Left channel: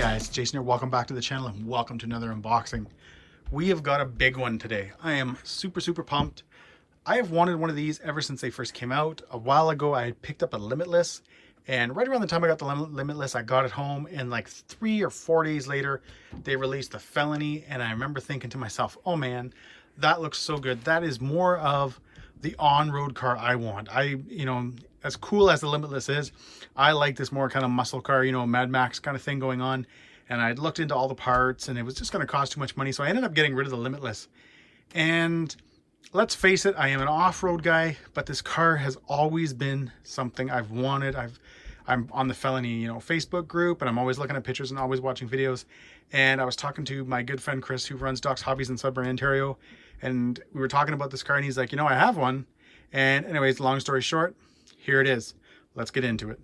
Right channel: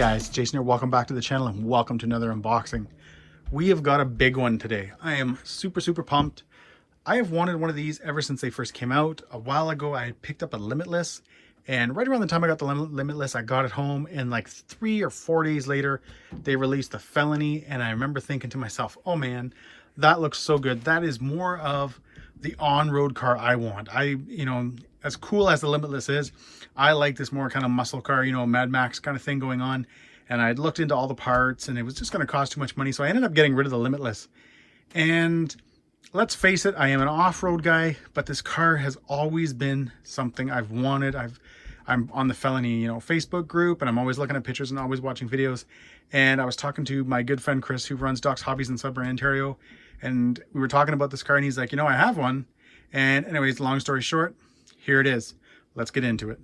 guys, Jason here. Welcome back to the channel and welcome to another unboxing. We have got a big one today. I am super pumped. I have wanted one of these ever since they first came out. A while ago I had picked up a Limitless, and right around the time I got the Limitless, I got it home, and like 3 or 4 days later they released the Felony, and I remember thinking to myself, oh man, that looks so good. That is more of the on-road car I want. As cool as the Limitless is, I like this more kind of muscle car, Mad Max kind of thing going on. And I'd looked into all the parts and it was just going to cost too much money. So I ended up getting rid of the Limitless. And let's face it, I am an off-road guy, but this car has always been something I've wanted. I'm on the Felony, Facebook group, and I'm always looking at pictures and always watching videos. And I was talking to my good friend Chris, who runs Doc's Hobbies in Sudbury, Ontario. And we were talking about this car and he's like, I have one. And anyways, long story short, here it is. Let's get into it.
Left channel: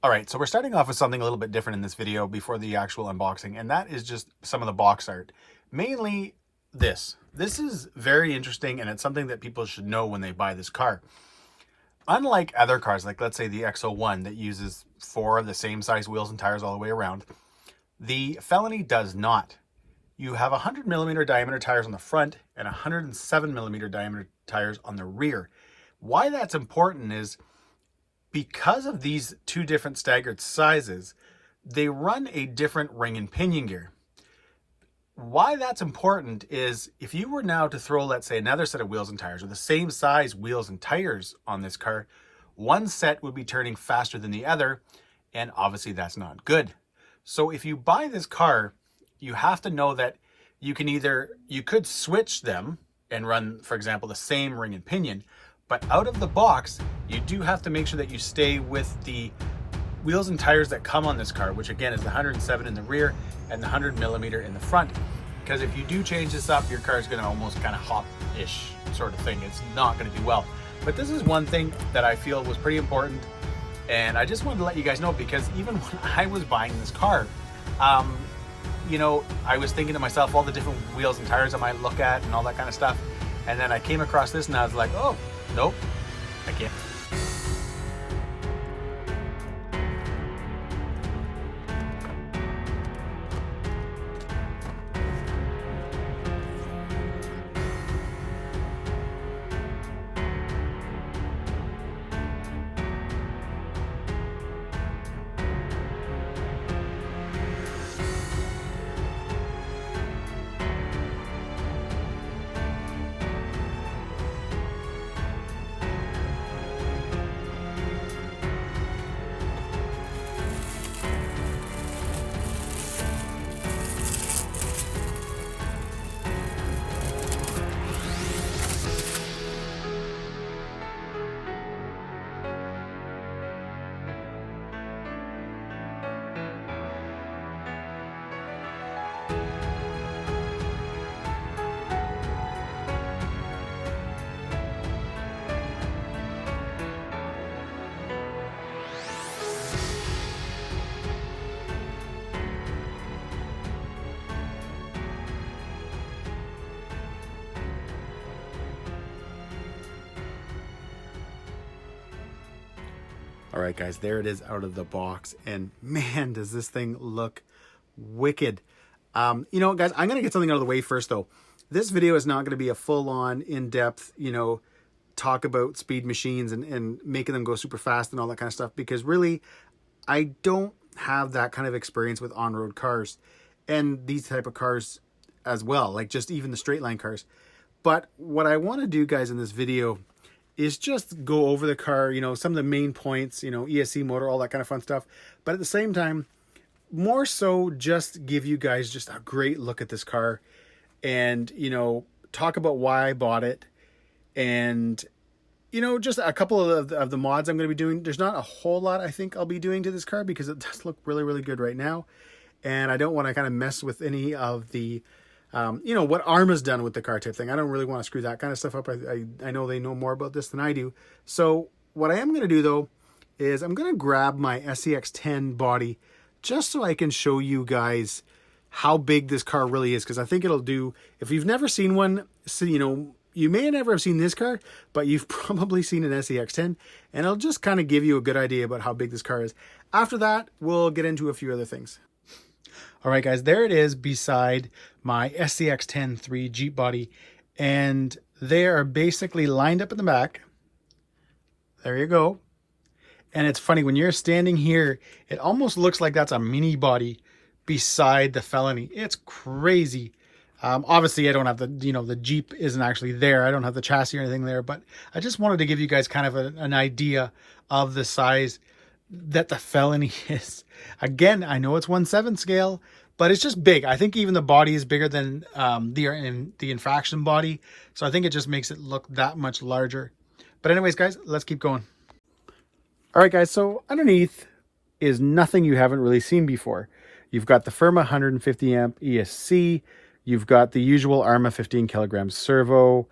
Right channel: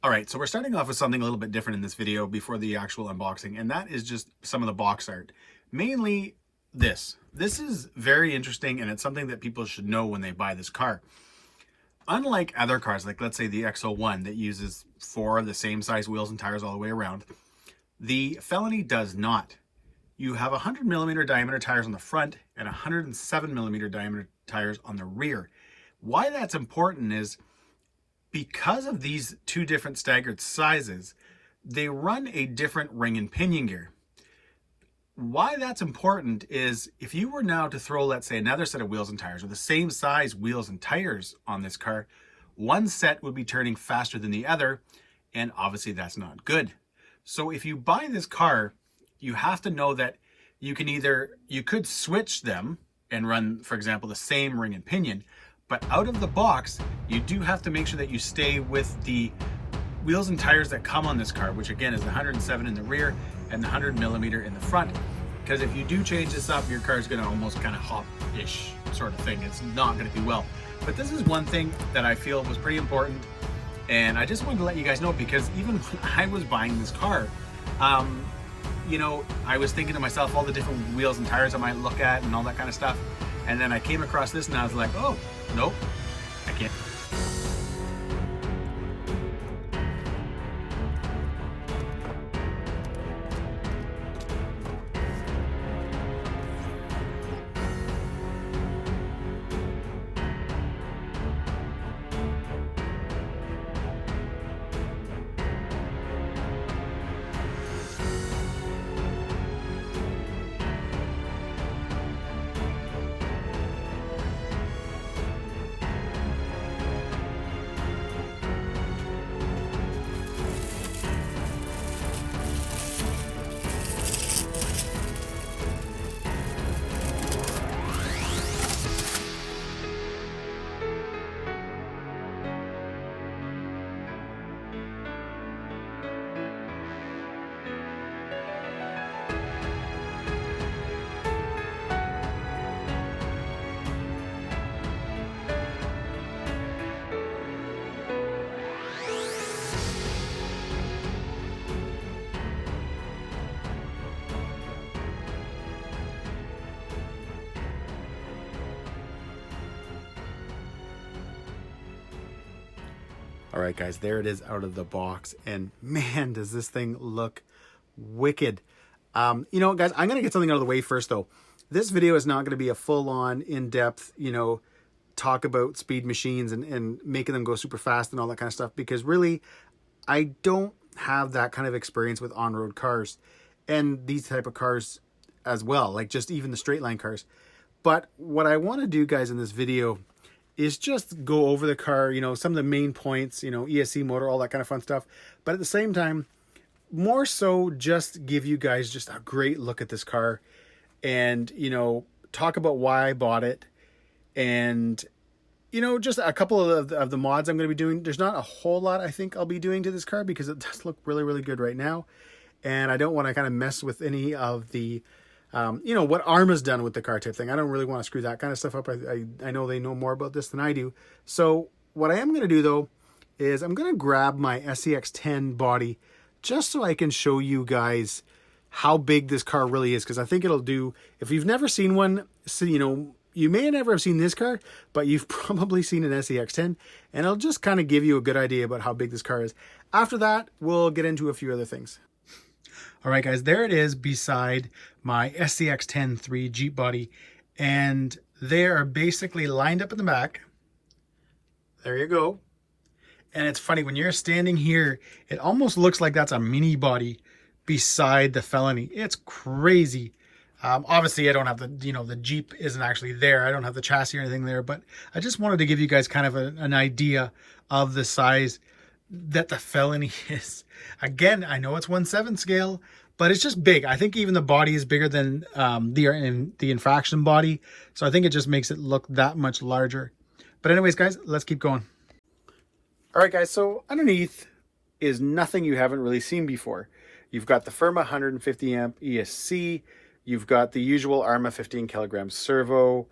All right, so we're starting off with something a little bit different in this video before the actual unboxing, and that is just some of the box art. Mainly this. This is very interesting, and it's something that people should know when they buy this car. Unlike other cars, like let's say the X-01 that uses 4 of the same size wheels and tires all the way around, the Felony does not. You have 100mm diameter tires on the front and 107mm diameter tires on the rear. Why that's important is because of these 2 different staggered sizes, they run a different ring and pinion gear. Why that's important is if you were now to throw, let's say, another set of wheels and tires with the same size wheels and tires on this car, one set would be turning faster than the other, and obviously that's not good. So if you buy this car, you have to know that you could switch them and run, for example, the same ring and pinion, but out of the box, you do have to make sure that you stay with the wheels and tires that come on this car, which again is the 107 in the rear and the 100mm in the front. Because if you do change this up, your car is going to almost kind of hop-ish sort of thing. It's not going to do well. But this is one thing that I feel was pretty important, and I just wanted to let you guys know, because even when I was buying this car, I was thinking to myself all the different wheels and tires I might look at and all that kind of stuff. And then I came across this and I was like, oh, nope, I can't. All right, guys, there it is out of the box. And man, does this thing look wicked. Guys, I'm going to get something out of the way first, though. This video is not going to be a full-on, in-depth, talk about speed machines and making them go super fast and all that kind of stuff, because really, I don't have that kind of experience with on-road cars and these type of cars as well, like just even the straight line cars. But what I want to do, guys, in this video is just go over the car, some of the main points, ESC motor, all that kind of fun stuff. But at the same time, more so just give you guys just a great look at this car and, talk about why I bought it. And, just a couple of the mods I'm going to be doing. There's not a whole lot I think I'll be doing to this car because it does look really, really good right now. And I don't want to kind of mess with any of the what Arrma's done with the car type thing. I don't really want to screw that kind of stuff up. I know they know more about this than I do. So what I am going to do, though, is I'm going to grab my SCX-10 body just so I can show you guys how big this car really is. Because I think it'll do, if you've never seen one, so, you may never have seen this car, but you've probably seen an SCX-10. And it'll just kind of give you a good idea about how big this car is. After that, we'll get into a few other things. All right, guys, there it is beside my SCX-10 Jeep body. And they are basically lined up in the back. There you go. And it's funny, when you're standing here, it almost looks like that's a mini body beside the Felony. It's crazy. Obviously, I don't have the, the Jeep isn't actually there. I don't have the chassis or anything there, but I just wanted to give you guys kind of an idea of the size that the Felony is. Again, I know it's 1/7 scale, but it's just big. I think even the body is bigger than the infraction body. So I think it just makes it look that much larger. But anyways, guys, let's keep going. All right, guys, so underneath is nothing you haven't really seen before. You've got the Arrma 150 amp ESC. You've got the usual Arrma 15 kilogram servo.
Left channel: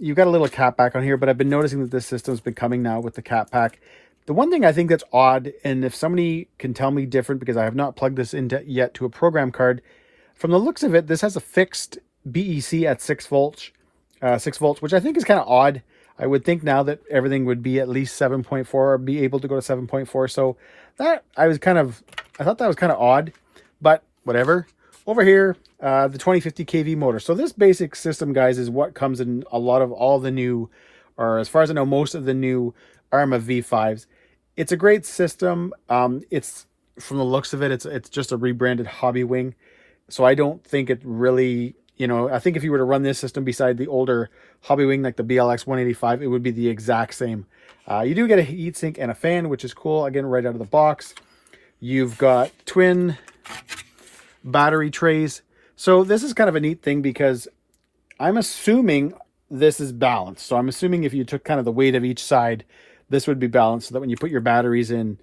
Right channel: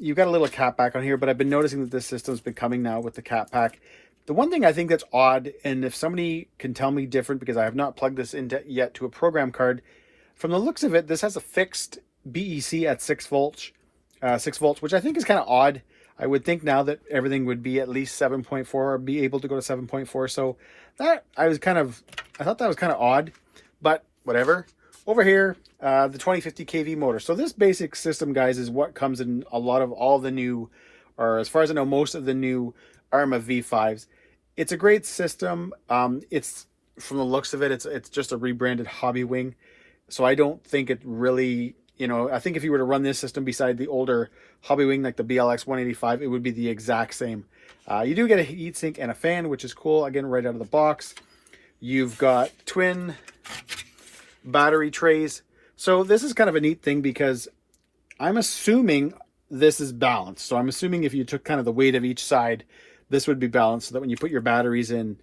You've got a little cat pack on here, but I've been noticing that this system's been coming now with the cat pack. The one thing I think that's odd, and if somebody can tell me different, because I have not plugged this into yet to a program card, from the looks of it, this has a fixed BEC at 6 volts, which I think is kind of odd. I would think now that everything would be at least 7.4 or be able to go to 7.4. So that I thought that was kind of odd, but whatever. Over here, the 2050 kV motor. So this basic system, guys, is what comes in all the new, or as far as I know, most of the new Arrma V5s. It's a great system. It's, from the looks of it, it's just a rebranded hobby wing. So I don't think it really, I think if you were to run this system beside the older hobby wing like the BLX 185, it would be the exact same. You do get a heatsink and a fan, which is cool. Again, right out of the box. You've got twin battery trays. So this is kind of a neat thing because I'm assuming this is balanced. So I'm assuming if you took kind of the weight of each side, this would be balanced so that when you put your batteries in,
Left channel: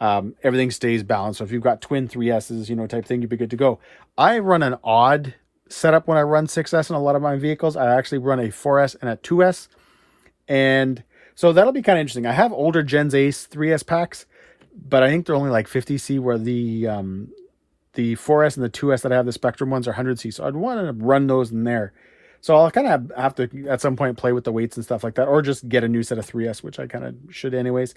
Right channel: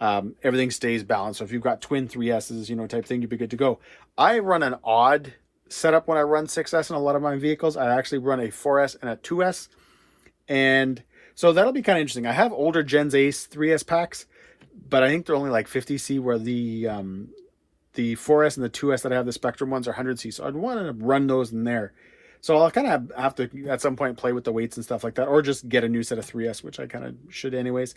everything stays balanced. So if you've got twin 3Ss, type thing, you'd be good to go. I run an odd setup when I run 6S in a lot of my vehicles. I actually run a 4S and a 2S. And so that'll be kind of interesting. I have older Gens Ace 3S packs, but I think they're only like 50C, where the 4S and the 2S that I have, the Spectrum ones, are 100C. So I'd want to run those in there. So I'll kind of have to, at some point, play with the weights and stuff like that, or just get a new set of 3S, which I kind of should anyways.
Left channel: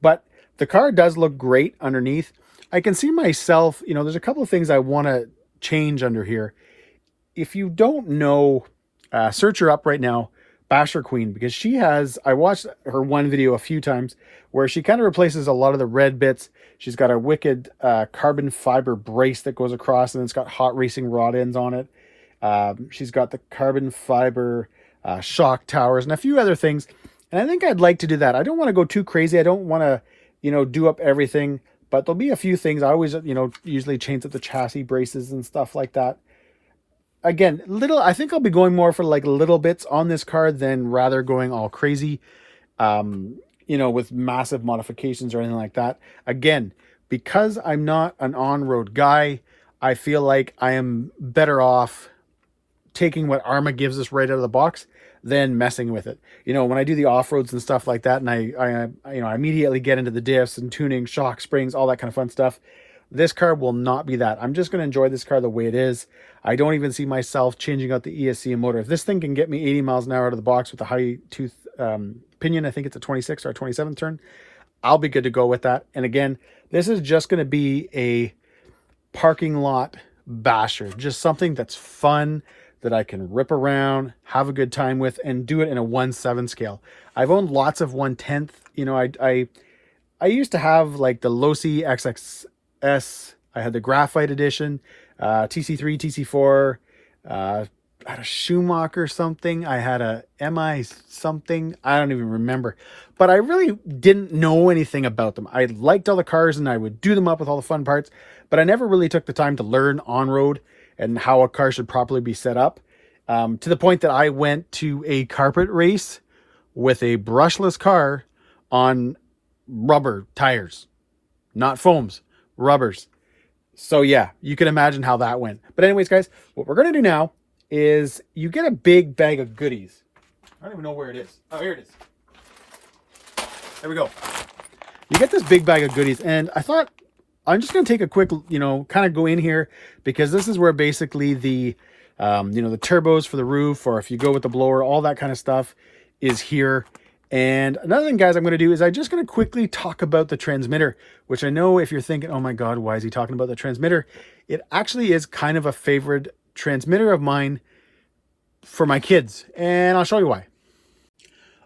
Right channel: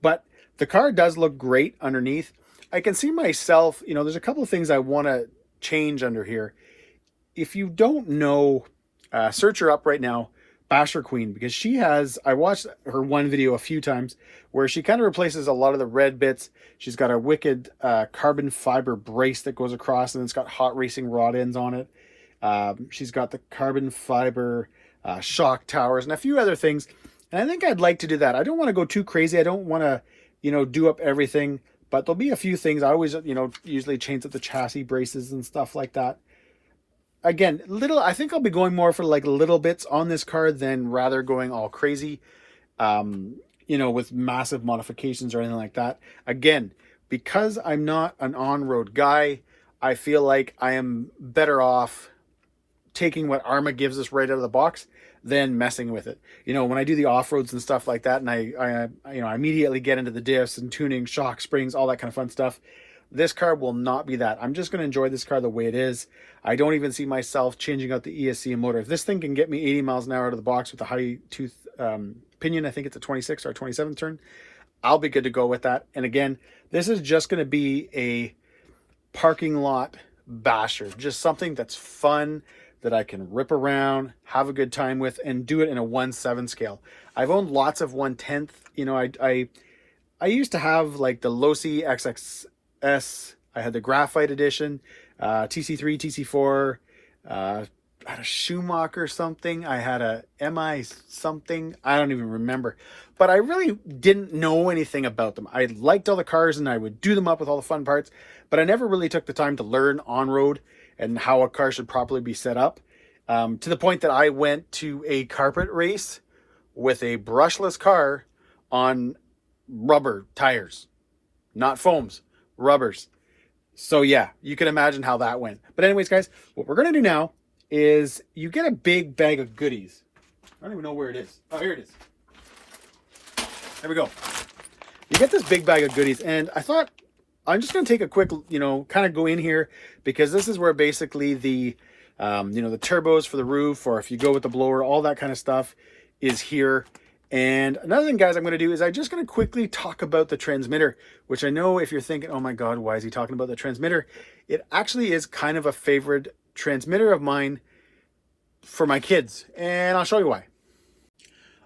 But the car does look great underneath. I can see myself, there's a couple of things I want to change under here. If you don't know, search her up right now, Basher Queen, because she has, I watched her one video a few times where she kind of replaces a lot of the red bits. She's got a wicked carbon fiber brace that goes across, and it's got hot racing rod ends on it. She's got the carbon fiber shock towers and a few other things. And I think I'd like to do that. I don't want to go too crazy. I don't want to, do up everything, but there'll be a few things. I always, usually change up the chassis braces and stuff like that. Again, I think I'll be going more for like little bits on this car than rather going all crazy, with massive modifications or anything like that. Again, because I'm not an on-road guy, I feel like I am better off taking what Arrma gives us right out of the box than messing with it. When I do the off-roads and stuff like that, and I immediately get into the diffs and tuning, shock, springs, all that kind of fun stuff. This car will not be that. I'm just going to enjoy this car the way it is. I don't even see myself changing out the ESC and motor. If this thing can get me 80 miles an hour out of the box with a high tooth pinion, I think it's a 26 or a 27 turn, I'll be good to go with that. And again, this is just going to be a parking lot basher. Just something that's fun, that I can rip around, have a good time with, and do it in a 1/7 scale. I've owned lots of 1/10. I used to have like the Losi XXS. I had the Graphite Edition, TC3, TC4. I had a Schumacher something. I had a MI something. I don't even remember. But I really didn't know anything about them. I liked all the cars and I would do them up with all the fun parts, but I never really took the time to learn on-road and how a car should properly be set up. To the point that I went to a carpet race with a brushless car on rubber tires, not foams, rubbers. So yeah, you can imagine how that went. But anyways, guys, what we're going to do now is you get a big bag of goodies. I don't even know where it is. Oh, here it is. There we go. You get this big bag of goodies, and I thought I'm just going to take a quick, kind of go in here, because this is where basically the, the turbos for the roof, or if you go with the blower, all that kind of stuff is here. And another thing, guys, I'm going to do is I'm just going to quickly talk about the transmitter, which I know if you're thinking, oh my God, why is he talking about the transmitter? it actually is kind of a favorite transmitter of mine for my kids, and I'll show you why.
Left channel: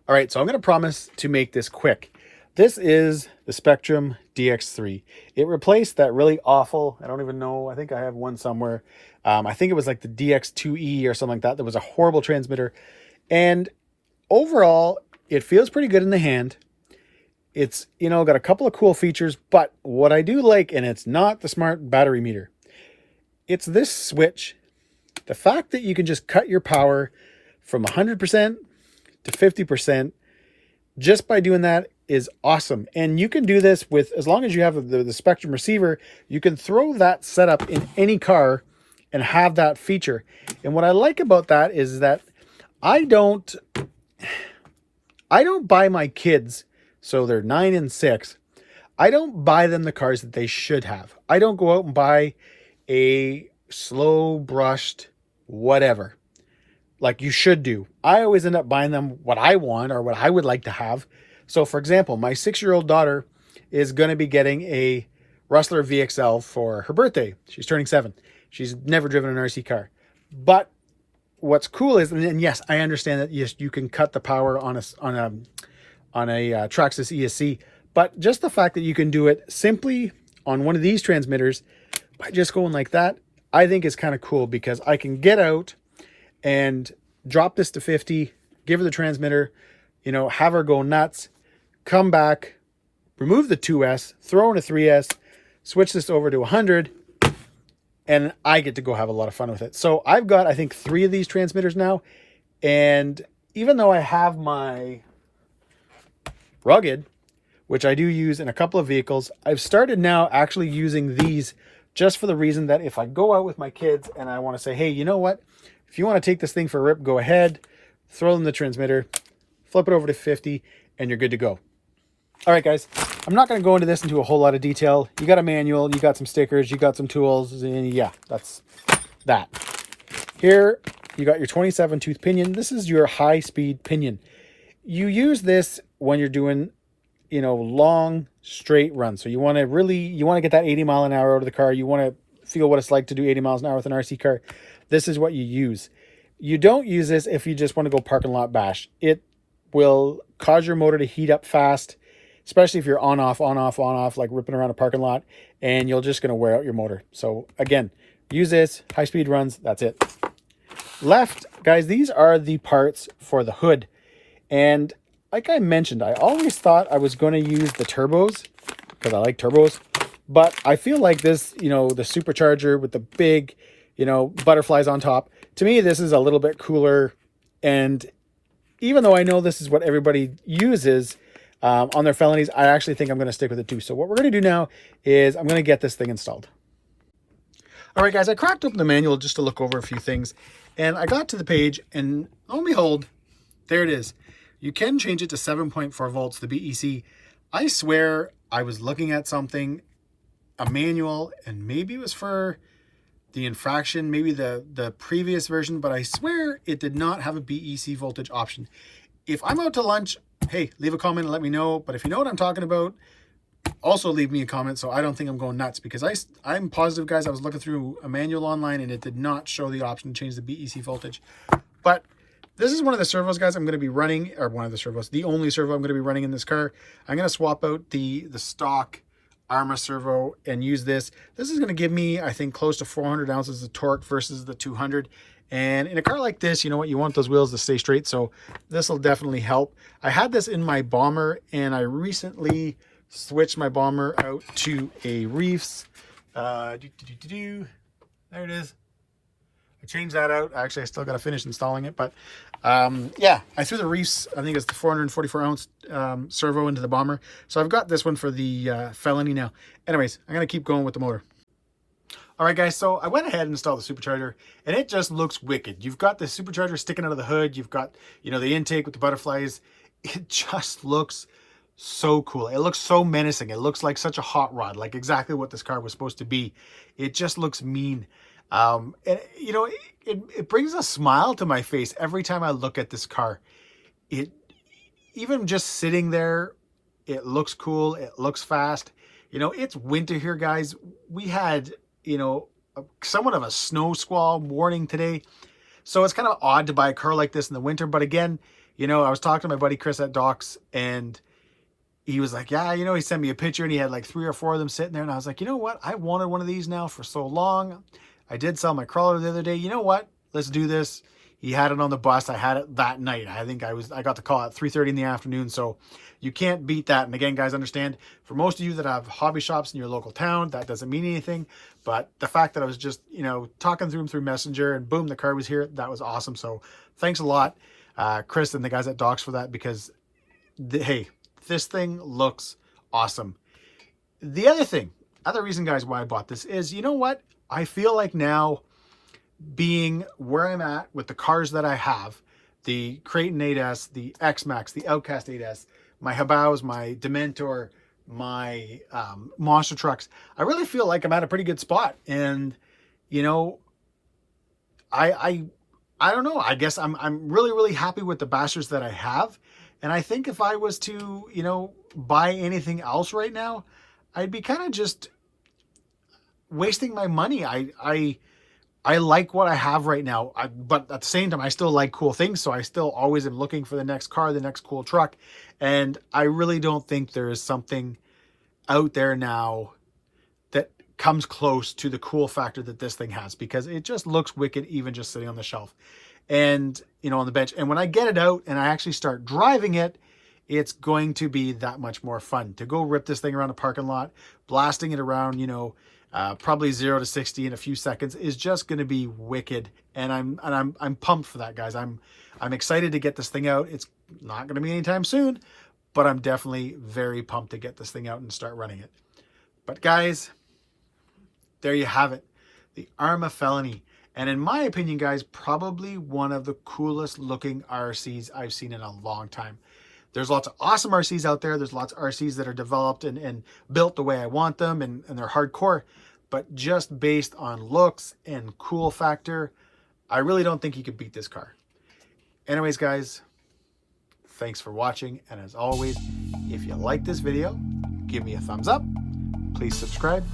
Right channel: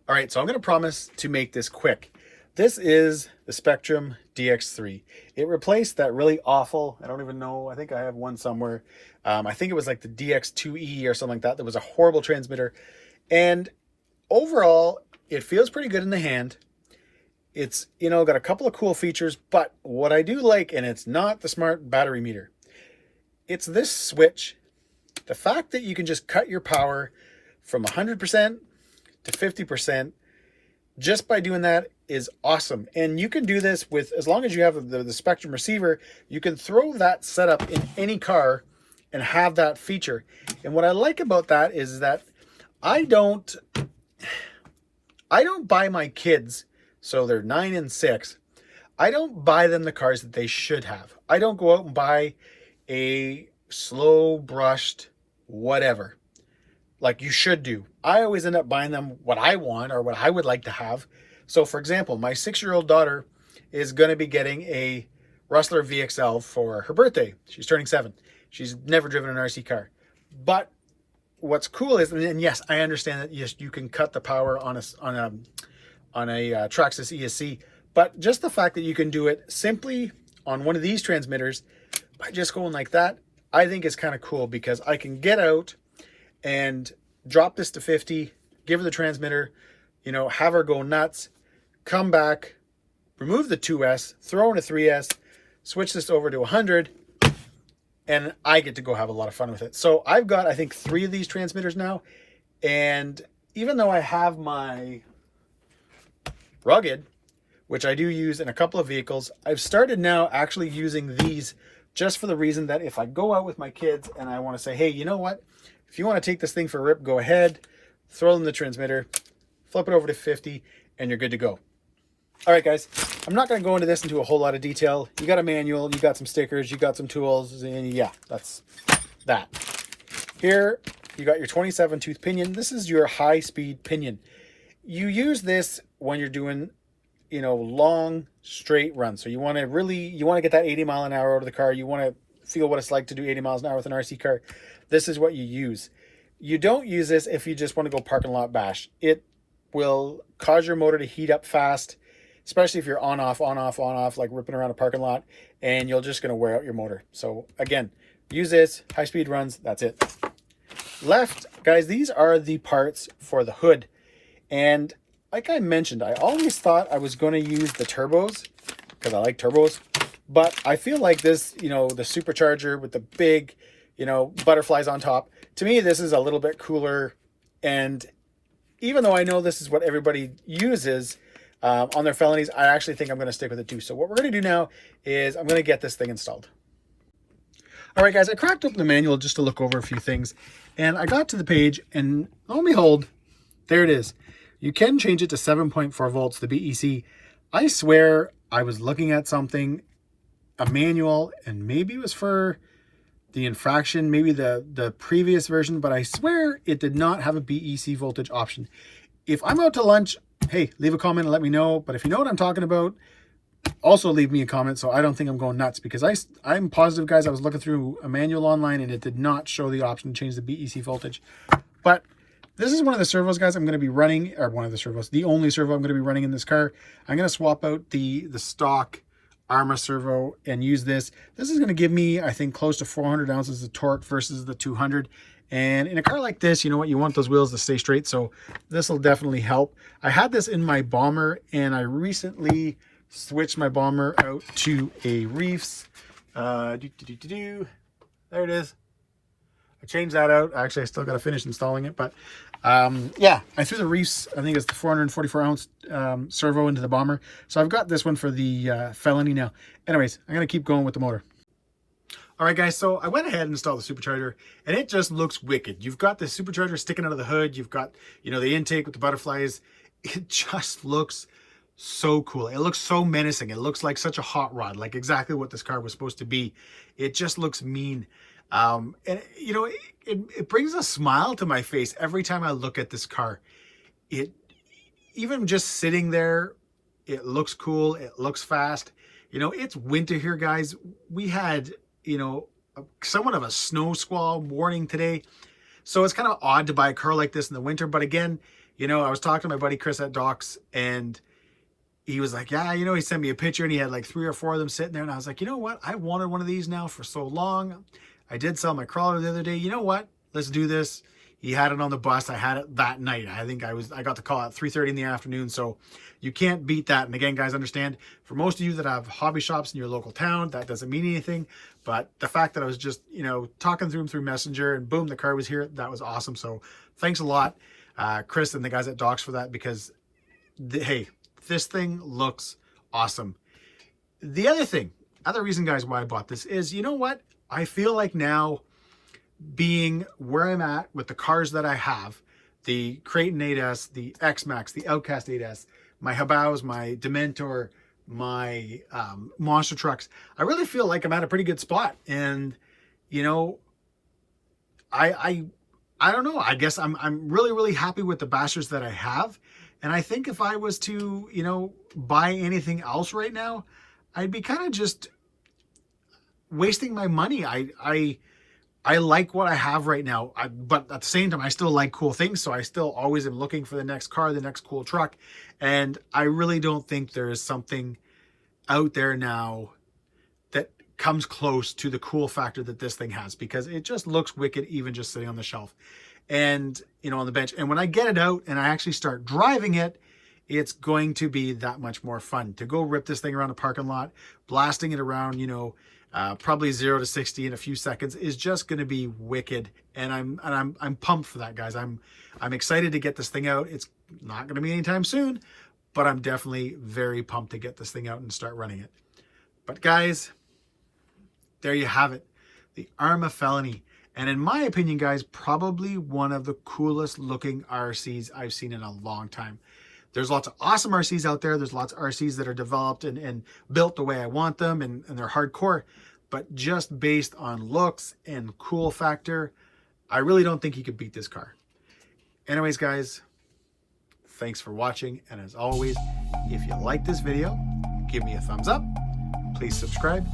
All right, so I'm going to promise to make this quick. This is the Spectrum DX3. It replaced that really awful, I don't even know, I think I have one somewhere. I think it was like the DX2E or something like that. That was a horrible transmitter. And overall, it feels pretty good in the hand. It's, you know, got a couple of cool features, but what I do like, and it's not the smart battery meter, it's this switch. The fact that you can just cut your power from 100% to 50% just by doing that is awesome. And you can do this with, as long as you have the Spectrum receiver, you can throw that setup in any car and have that feature. And what I like about that is that I don't buy my kids, so they're 9 and 6, I don't buy them the cars that they should have. I don't go out and buy a slow brushed whatever like you should do. I always end up buying them what I want or what I would like to have. So for example, my 6-year-old daughter is going to be getting a Rustler VXL for her birthday. She's turning 7. She's never driven an RC car. But what's cool is, and yes, I understand that yes, you can cut the power on a Traxxas ESC, but just the fact that you can do it simply on one of these transmitters by just going like that, I think is kind of cool, because I can get out and drop this to 50, give her the transmitter, you know, have her go nuts, come back, remove the 2S, throw in a 3S, switch this over to 100, and I get to go have a lot of fun with it. So I've got, I think, 3 of these transmitters now. And even though I have my Rugged, which I do use in a couple of vehicles, I've started now actually using these just for the reason that if I go out with my kids and I want to say, hey, you know what? If you want to take this thing for a rip, go ahead, throw in the transmitter, flip it over to 50, and you're good to go. All right, guys, I'm not going to go into this into a whole lot of detail. You got a manual, you got some stickers, you got some tools, and yeah, that's that. Here, you got your 27 tooth pinion. This is your high speed pinion. You use this when you're doing, you know, long straight runs. So you want to get that 80 mile an hour out of the car. You want to feel what it's like to do 80 miles an hour with an RC car. This is what you use. You don't use this if you just want to go parking lot bash. It will cause your motor to heat up fast, especially if you're on off, like ripping around a parking lot, and you're just going to wear out your motor. So again, use this, high speed runs, that's it. Left, guys, these are the parts for the hood. And like I mentioned, I always thought I was going to use the turbos because I like turbos, but I feel like this, you know, the supercharger with the big, you know, butterflies on top, to me, this is a little bit cooler. And even though I know this is what everybody uses on their Felonies, I actually think I'm going to stick with it too. So what we're going to do now is I'm going to get this thing installed. All right, guys, I cracked open the manual just to look over a few things, and I got to the page, and lo and behold, there it is. You can change it to 7.4 volts, the BEC. I swear I was looking at something, a manual, and maybe it was for the infraction, maybe the previous version, but I swear it did not have a BEC voltage option. If I'm out to lunch, hey, leave a comment and let me know. But if you know what I'm talking about, also leave me a comment so I don't think I'm going nuts, because I'm positive, guys, I was looking through a manual online and it did not show the option to change the BEC voltage. But this is one of the servos, guys, I'm going to be running, or one of the servos, the only servo I'm going to be running in this car. I'm going to swap out the stock Arrma servo and use this. This is going to give me, I think, close to 400 ounces of torque versus the 200. And in a car like this, you know what, you want those wheels to stay straight, so this will definitely help. I had this in my Bomber, and I recently switched my Bomber out to a Reefs. There it is. I changed that out. Actually, I still got to finish installing it, but yeah, I threw the Reefs, I think it's the 444 ounce servo into the Bomber. So I've got this one for the Felony now. Anyways, I'm going to keep going with the motor. All right, guys, so I went ahead and installed the supercharger, and it just looks wicked. You've got the supercharger sticking out of the hood. You've got, you know, the intake with the butterflies. It just looks so cool. It looks so menacing. It looks like such a hot rod, like exactly what this car was supposed to be. It just looks mean. And, you know, it brings a smile to my face every time I look at this car. Even just sitting there, it looks cool. It looks fast. You know, it's winter here, guys. We had, you know, somewhat of a snow squall warning today. So it's kind of odd to buy a car like this in the winter. But again, you know, I was talking to my buddy Chris at Doc's, and he was like, yeah, you know, he sent me a picture and he had like 3 or 4 of them sitting there. And I was like, you know what? I wanted one of these now for so long. I did sell my crawler the other day. You know what? Let's do this. He had it on the bus. I had it that night. I think I got the call at 3:30 in the afternoon. So you can't beat that. And again, guys, understand, for most of you that have hobby shops in your local town, that doesn't mean anything. But the fact that I was just, you know, talking through him through Messenger and boom, the car was here. That was awesome. So thanks a lot, Chris and the guys at Doc's for that, because hey, this thing looks awesome. The other reason, guys, why I bought this is, you know what? I feel like now, being where I'm at with the cars that I have, the Creighton 8S, the X-maxx, the Outcast 8S, my Habaus, my Dementor, my monster trucks, I really feel like I'm at a pretty good spot. And, you know, I don't know. I guess I'm really, really happy with the bastards that I have. And I think if I was to, you know, buy anything else right now, I'd be kind of just wasting my money. I like what I have right now, but at the same time, I still like cool things. So I still always am looking for the next car, the next cool truck. And I really don't think there is something out there now that comes close to the cool factor that this thing has, because it just looks wicked, even just sitting on the shelf and, you know, on the bench. And when I get it out and I actually start driving it, it's going to be that much more fun to go rip this thing around a parking lot, blasting it around, you know, probably 0 to 60 in a few seconds is just going to be wicked. And I'm pumped for that, guys. I'm excited to get this thing out. It's not going to be anytime soon, but I'm definitely very pumped to get this thing out and start running it. But guys, there you have it, the Arrma Felony. And in my opinion, guys, probably one of the coolest looking RCs I've seen in a long time. There's lots of awesome RCs out there. There's lots of RCs that are developed and built the way I want them, and they're hardcore. But just based on looks and cool factor, I really don't think you could beat this car. Anyways, guys, thanks for watching. And as always, if you like this video, give me a thumbs up. Please subscribe.